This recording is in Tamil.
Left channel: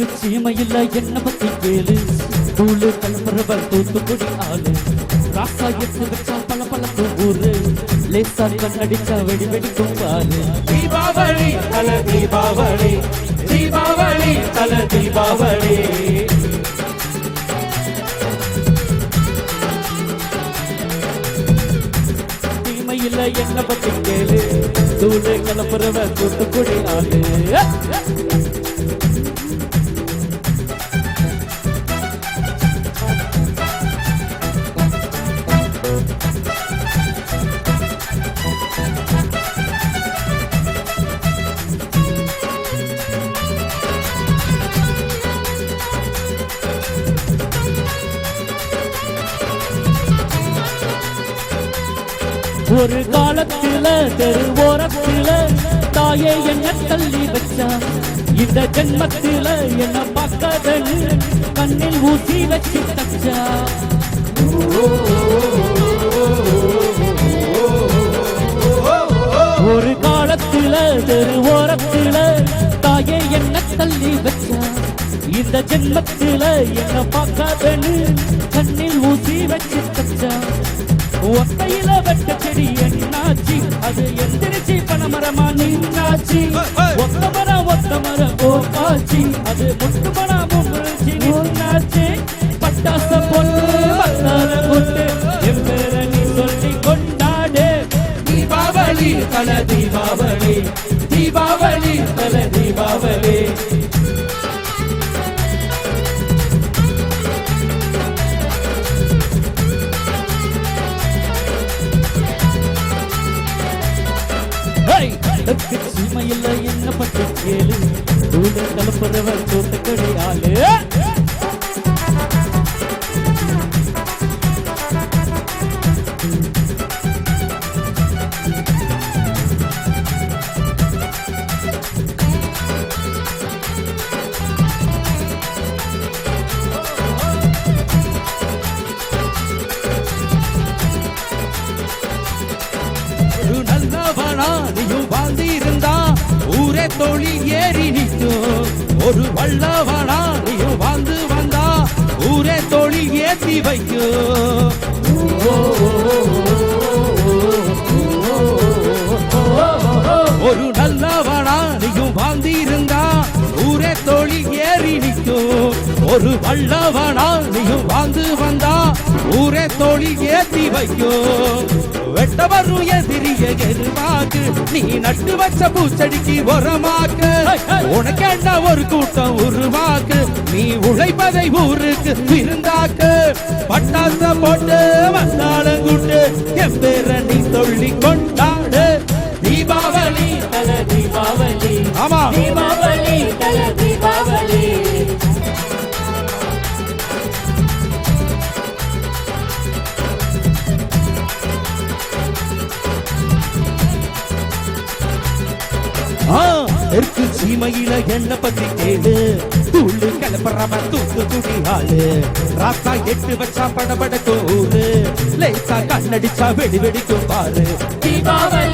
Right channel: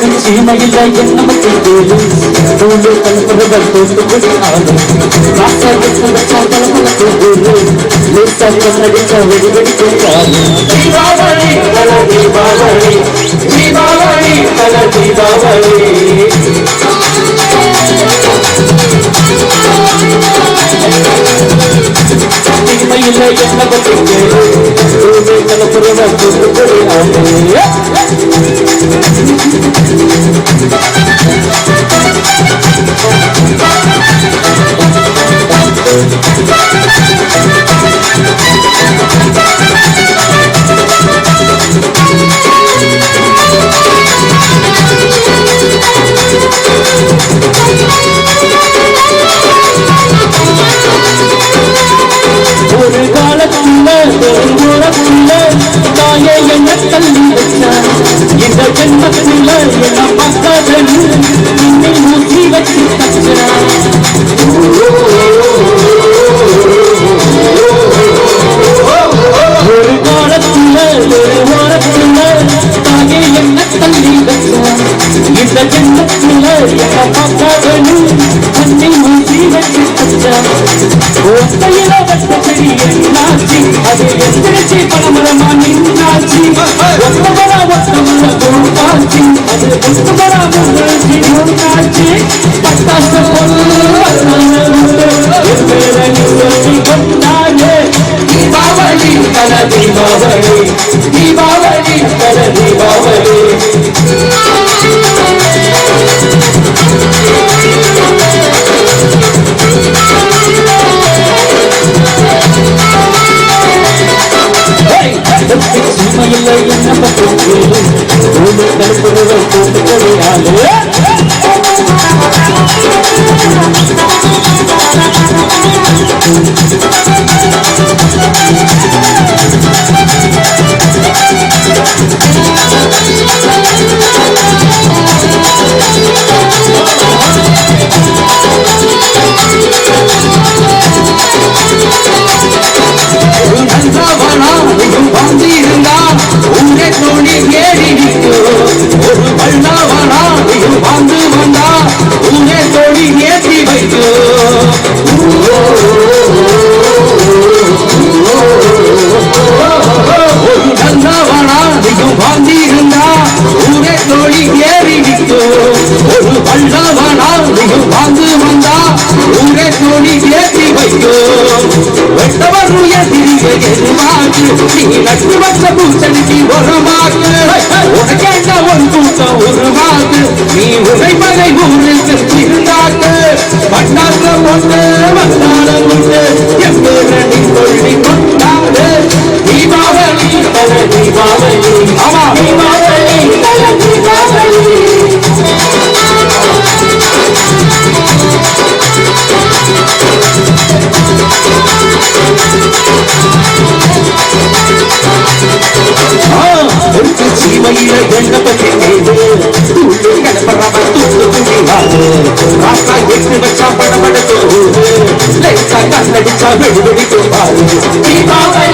சீமையில் நமக்கு வேறு தூண்டு கலப்படவர் தோண்டு கொடி ஆகும் நடிச்ச வெடிவெடி போட்டாலும் தீபாவளி கல தீபாவளி தீபாவளி கல தீபாவளி சீமையில் நமக்கு வேறு தூண்டு கலப்படவர் தோண்டு கொடி ஆகும் ஒரு காலத்துல பெருங்குளத்துல தாயை என்ன கல்வி வச்சா இந்த ஜென்மத்துல என்ன பார்த்தது இன்னை மூசி வச்சு தச்சா ஒரு காலத்துல பெருங்குளத்துல தாயை என்ன கல்வி வச்சா இந்த ஜென்மத்துல என்ன பார்த்தது இன்னை மூசி வச்சு தச்சா ஒத்தையில வட்டப்படி என்னாச்சு அது எந்திரிச்சு பலமரமா நின்னாச்சு ஒத்தமரா ஒத்தமர கோப்பாச்சு அது ஒத்தமரா முன்னாச்சு ஒன்னாச்சு பட்டாச சொல்லி கொண்டாடு தீபாவளி கல தீபாவளி தீபாவளி கல தீபாவளி சீமையில் நமக்கு வேறு தூண்டு கலப்படவர் தோண்டு கொடி ஆகும் நீ உரைமலை ஊருக்கு இருந்தாக்கு பட்டாச ஒன்று வந்தால உண்டு எப்படி சொல்லி கொண்டாடு தீபாவளி கல தீபாவளி ஆமா தீபாவளி கல தீபாவளி சீமையில எண்ணப்பட்டு நடிச்சா வெடி வெடி தீபாவளி